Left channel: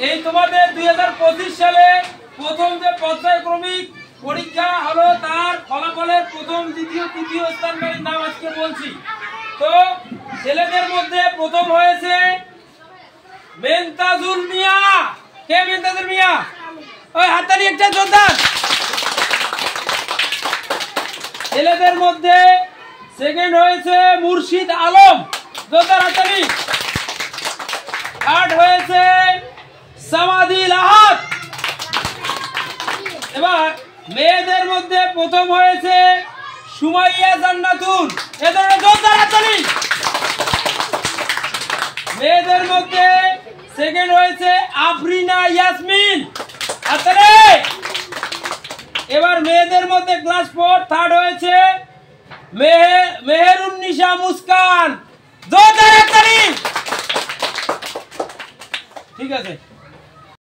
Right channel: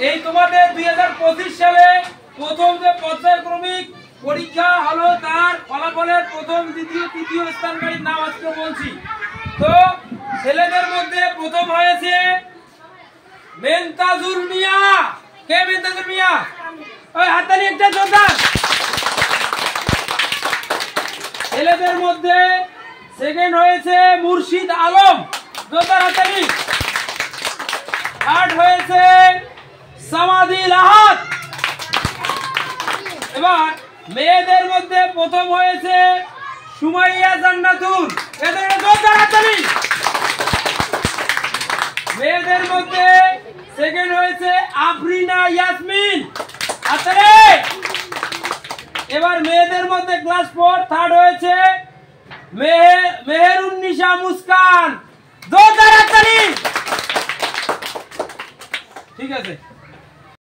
এই তোমাদের 2025 সালে প্রথম যে পর্যায়ক্রমিক পরীক্ষা হলো তার ফলাফলের প্রথম দ্বিতীয় তৃতীয় স্থানকারীর নাম আজকে বলছি। তো ছেলেদের মধ্যে প্রথম হয়েছে মেনতাজুল মিয়া। কে মেনতাজুল মিয়া? ওই হাততালি একটা জোরদার। ছেলেদের মধ্যে সেকেন্ড হয়েছে মুর্শিদ আলম। জোরদার হাততালি। থার্ড হয়েছে সামাদিল আহাদ। এবার মেয়েদের মধ্যে প্রথম হয়েছে সুমাইয়া জান্নাতুল। এদের জোরদার হাততালি। মেয়েদের মধ্যে সেকেন্ড হয়েছে আফরিনা ইয়াসমিন। হাততালি। এবার মেয়েদের মধ্যে ক্লাস 4 থার্ড হয়েছে মেহেরুন্নিসা মুস্কান। জোরদার হাততালি। ঠিক আছে।